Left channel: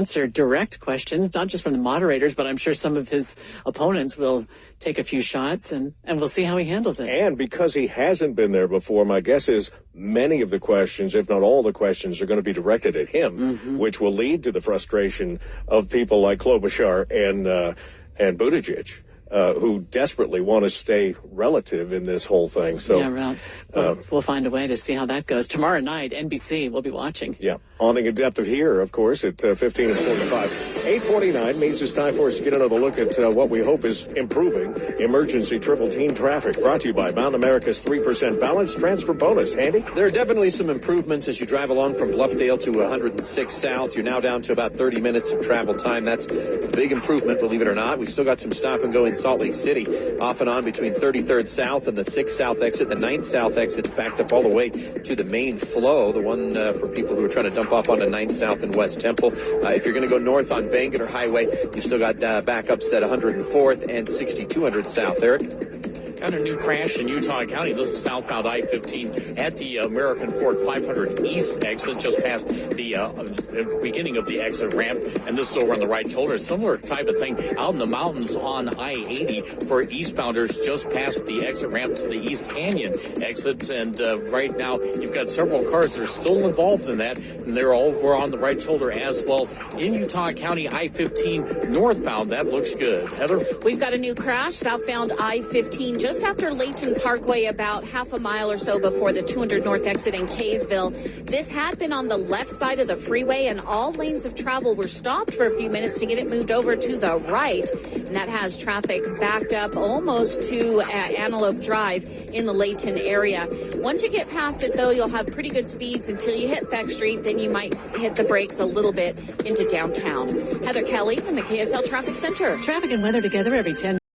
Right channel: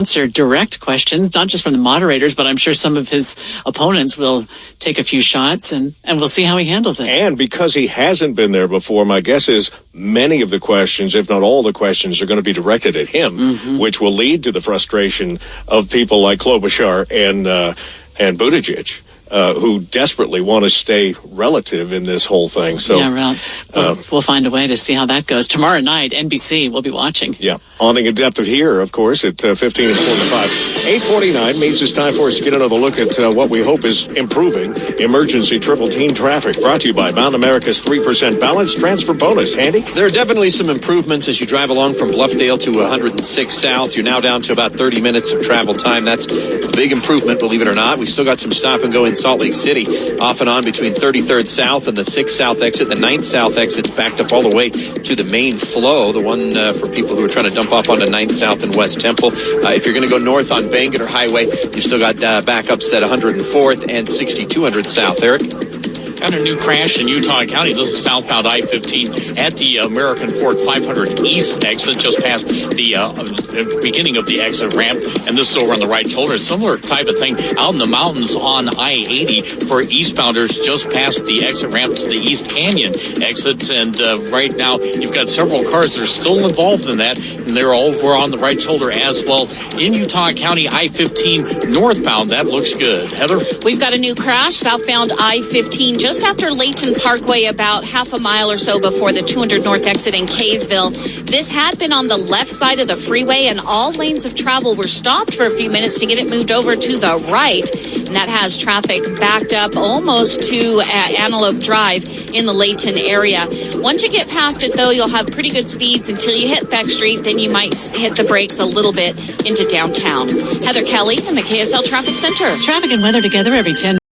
answer direct questions, not just from the moderators, but I'm sure some of his opponents will take a few shots, and we'll see how he handles it. And because he hasn't been there before, my guess is many of the questions, if not all the questions, are going to be directed at him, which will lead to the frustration of people like Klobuchar and Buttigieg. Who desperately want to stay relative in this whole thing. So yeah, we'll find a way to see how that goes. Tomorrow night, NBC will be watching. Yeah, awning in depth of here, of course, at 15 and 45. 8:49 means it's time for us to get another look at what we hope is improving emergency triple team traffic. Brought to you by Mountain America's 3% balance transfer bonus. Handy? There are definitely some improvements as you drive along from Bluffdale to 106 South. You're now down to about 30 minutes of travel time. That's a big improvement, believe it or not. We still got some stop and go in Salt Lake City, off and on between 33rd South and the 6th South exit. The 9th South exit's backed up all the way to the main flow, the one for people who are trying to dump off onto 9th South and West Temple. If you're going to go north on Bangerter Highway, you've still got backups at 104th and 6200 South. Eric? Got a new crash in Utah County. This is southbound I-15 at the American Fork 500 East exit, just past the beginning of the exit ramp, and this is over on the right shoulder. Similar type of thing out in the mountains on I-80 for eastbounders, just past the exit ramp to the East Canyon exits, and right now you've got several cars that are still involved in that, and they're over on the right shoulder as well. In Utah County, I-15 northbound, that looks good. Heather? We've got a new crash southbound I-15 just after Layton Parkway, about half a mile or so before the 200 North exit in Kaysville. This had been on the left side of the freeway, and all lanes of travel were stopped for a few minutes to get it moved over to the right. And that has traffic backed up almost to Antelope Drive in the Layton area. Once you get past it, though, you'll have pretty good speeds until you hit Beck Street. Then you might hit the brakes a little bit into downtown. Heather Kelly in the KSL Traffic Center. Traffic and weather together every 10